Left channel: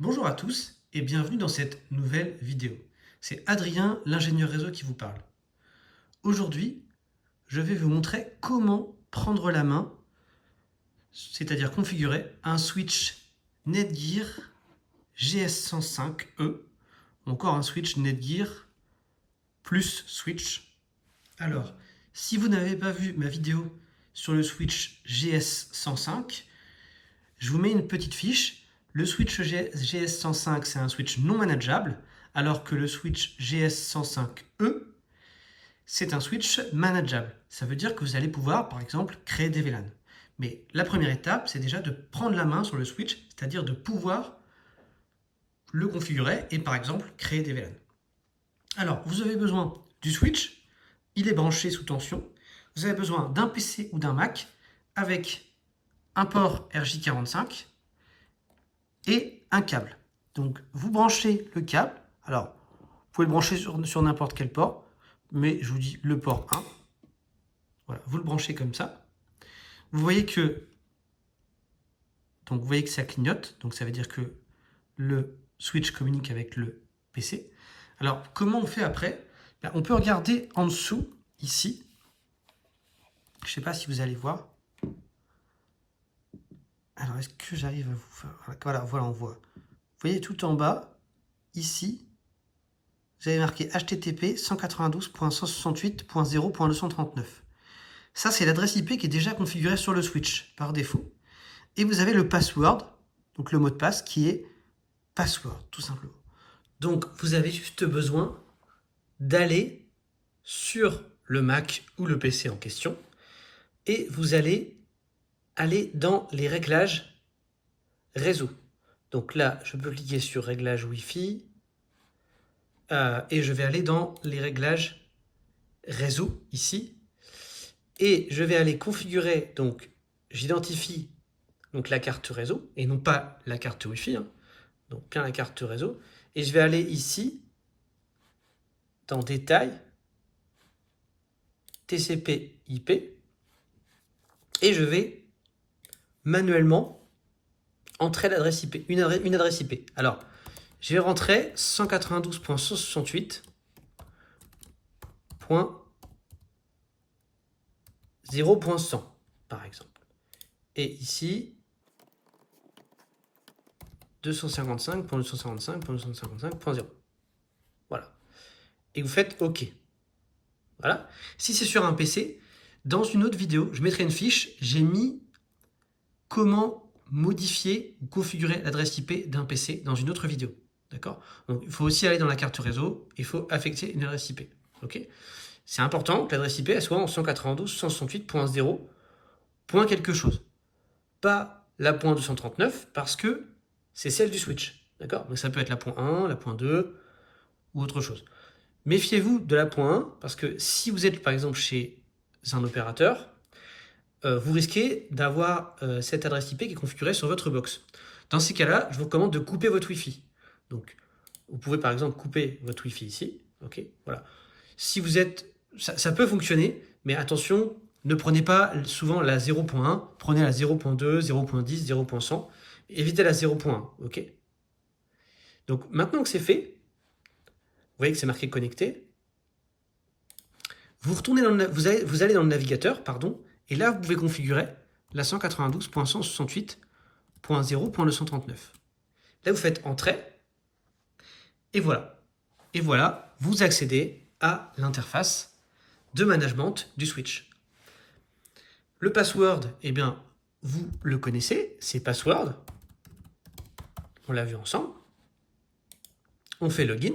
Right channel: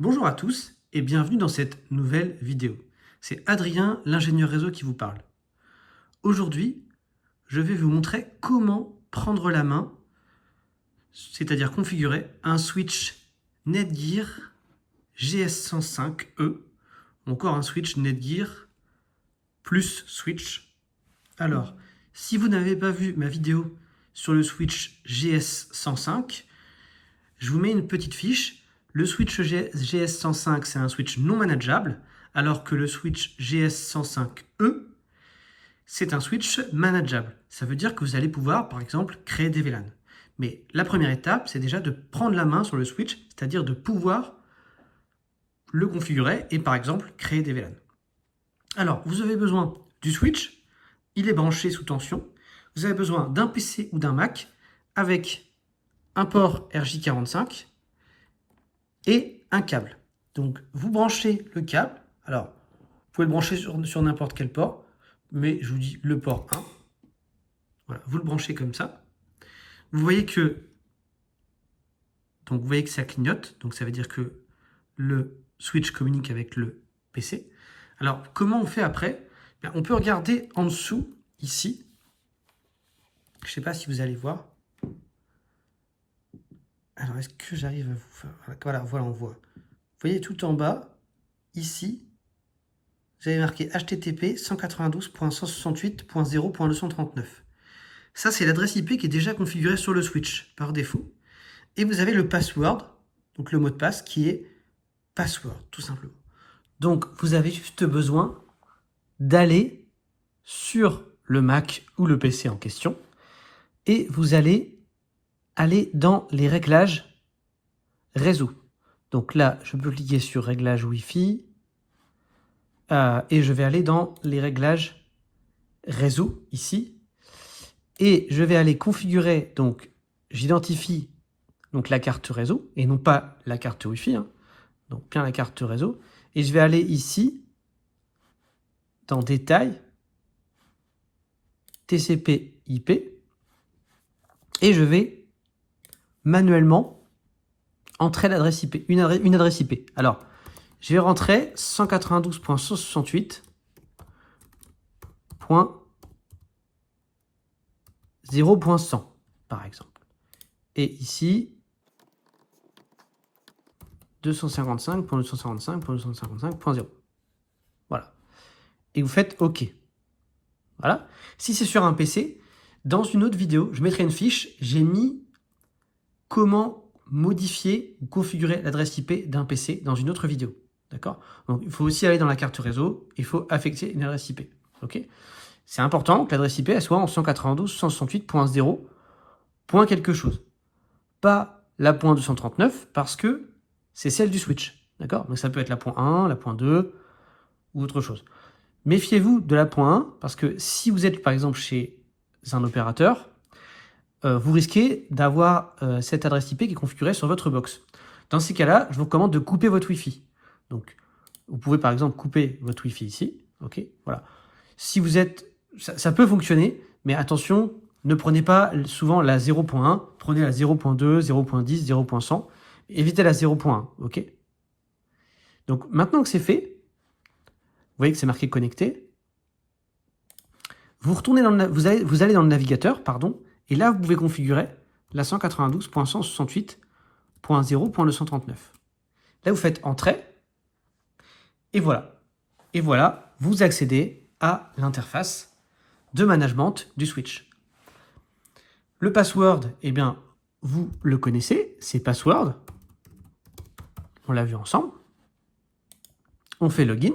Bonjour à tous et bienvenue dans cette nouvelle vidéo. C'est Adrien, l'ingénieur réseau qui vous parle. Aujourd'hui, je vais vous montrer comment prendre la main, c'est-à-dire configurer un switch Netgear GS105E, ou encore un switch Netgear plus switch. Alors, si vous n'avez pas vu ma vidéo sur le switch GS105, je vous mets une petite fiche. Le switch GS105, c'est un switch non manageable, alors que le switch GS105E, c'est un switch manageable. Ça veut dire que vous allez pouvoir, par exemple, créer des VLAN. Mais la première étape, c'est déjà de prendre la main sur le switch, c'est-à-dire de pouvoir le configurer et, par exemple, créer des VLAN. Alors, vous avez besoin du switch, il est branché sous tension. Vous avez besoin d'un PC ou d'un Mac avec un port RJ45 et un câble. Donc, vous branchez le câble. Alors, vous pouvez le brancher sur n'importe quel port, mais je vous dis le port 1. Voilà, vous le branchez comme ça. Vous voyez que ça clignote, donc ça veut dire que le switch communique avec le PC. Alors, comment on fait après? On peut regarder en dessous, ici. Je ne sais pas si vous allez voir. Alors, est-ce que j'arrive à vous... Voilà, on voit. Vous voyez tout en bas, ici, vous avez marqué HTTP 192.168.0.239. Ça, c'est l'adresse IP qui est déjà configurée sur le switch par défaut. Et vous avez le password, donc le mot de passe, qui est password, tout simplement. Donc, vous avez juste besoin d'aller sur le Mac ou le PC en question et vous allez aller dans les réglages réseau. Donc là, je peux cliquer sur réglages Wi-Fi et je vais aller dans les réglages réseau ici et je vais aller configurer, donc j'identifie donc la carte réseau et non pas la carte Wi-Fi, donc bien la carte réseau, et je vais aller ici dans détail TCP/IP et je vais manuellement entrer l'adresse IP, une adresse IP. Alors, je vais rentrer 192.168.0.100 par exemple. Et ici, 255.255.255.0. Voilà. Et vous faites OK. Voilà. Si c'est sur un PC, dans une autre vidéo, je mettrai une fiche, j'ai mis comment modifier ou configurer l'adresse IP d'un PC dans une autre vidéo. D'accord? Donc, il faut aussi aller dans la carte réseau, il faut affecter une adresse IP. OK? C'est important que l'adresse IP elle soit en 192.168.0. Point quelque chose. Pas la point 239 parce que c'est celle du switch. D'accord? Donc ça peut être la point 1, la point 2 ou autre chose. Méfiez-vous de la point 1 parce que si vous êtes par exemple chez un opérateur, vous risquez d'avoir cette adresse IP qui est configurée sur votre box. Dans ces cas-là, je vous recommande de couper votre Wi-Fi. Donc, vous pouvez par exemple couper votre Wi-Fi ici. Ok, voilà. Si vous êtes, ça peut fonctionner, mais attention, ne prenez pas souvent la 0.1, prenez la 0.2, 0.10, 0.100. Évitez la 0.1. Ok. Donc maintenant que c'est fait, vous voyez que c'est marqué connecté. Vous retournez dans vous allez dans le navigateur, pardon, et là vous pouvez configurer la 192.168.0.239. Là vous faites entrée, et voilà. Et voilà, vous accédez à l'interface de management du switch. Le password, eh bien, vous le connaissez, c'est password. On l'a vu ensemble. On fait login.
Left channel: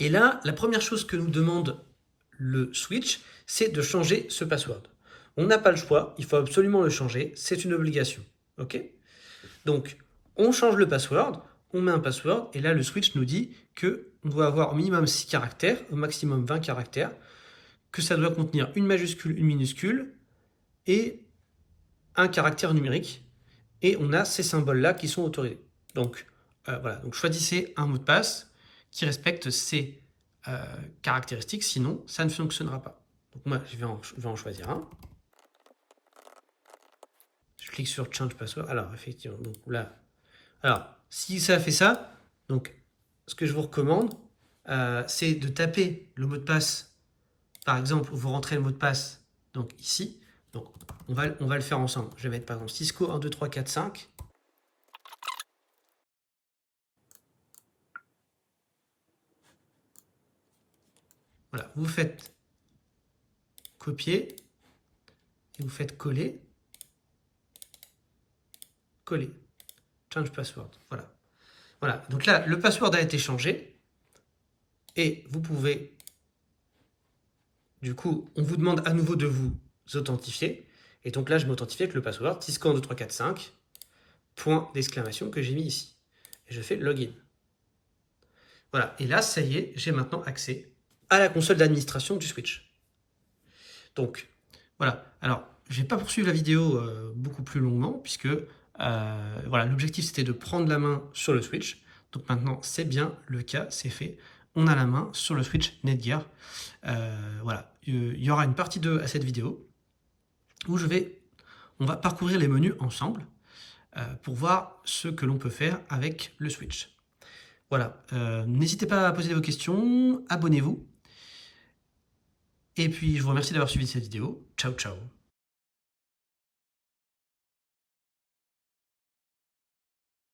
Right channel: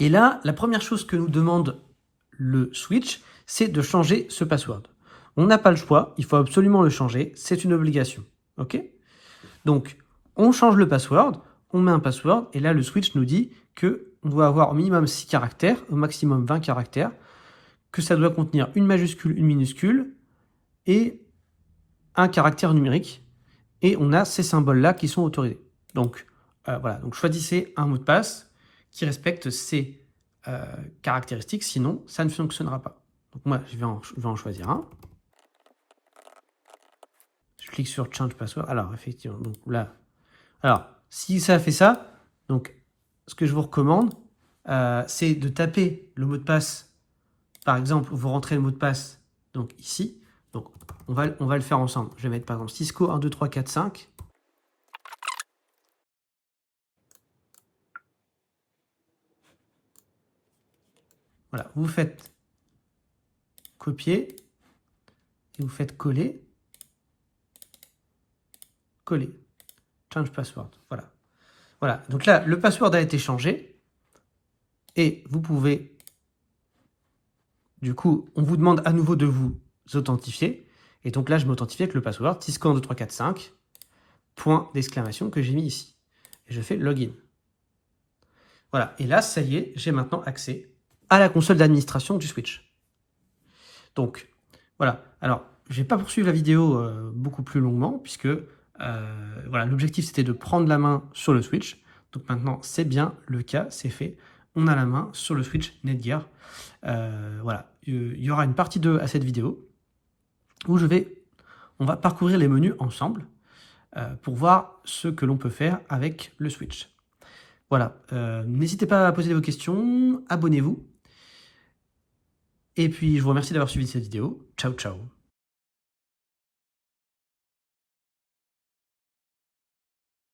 Et là, la première chose que nous demande le switch, c'est de changer ce password. On n'a pas le choix, il faut absolument le changer, c'est une obligation. Ok? Donc, on change le password, on met un password, et là, le switch nous dit qu'on doit avoir au minimum 6 caractères, au maximum 20 caractères, que ça doit contenir une majuscule, une minuscule, et un caractère numérique, et on a ces symboles-là qui sont autorisés. Donc, voilà, donc choisissez un mot de passe qui respecte ces caractéristiques, sinon ça ne fonctionnera pas. Donc moi, je vais en choisir un. Je clique sur Change Password. Alors, effectivement, donc là. Alors, si ça fait ça, donc, ce que je vous recommande, c'est de taper le mot de passe. Par exemple, vous rentrez le mot de passe, donc ici. Donc, on va le faire ensemble. Je vais mettre, par exemple, Cisco 1, 2, 3, 4, 5. Voilà, vous faites copier, et vous faites coller, coller, change password, voilà. Voilà, donc là, le password a été changé, et vous pouvez, du coup, on vous demande à nouveau de vous authentifier, et donc là, je m'authentifie avec le password, Cisco 1, 2, 3, 4, 5, point d'exclamation que j'ai mis ici. Et je fais login. Voilà, et là, ça y est, j'ai maintenant accès à la console d'administration du Switch. Donc, voilà. Alors, je vais pas poursuivre la vidéo beaucoup plus longuement, puisque voilà, l'objectif, c'était de prendre la main sur le Switch. Donc maintenant, c'est bien le cas, c'est fait. On a la main sur le Switch Netgear. Voilà, il y aura une partie 2 à cette vidéo, où on va parcourir les menus ensemble, pour voir ce que l'on peut faire avec le Switch. Voilà, n'hésitez pas à poser vos questions, abonnez-vous. Et puis, je vous remercie d'avoir suivi cette vidéo. Ciao, ciao.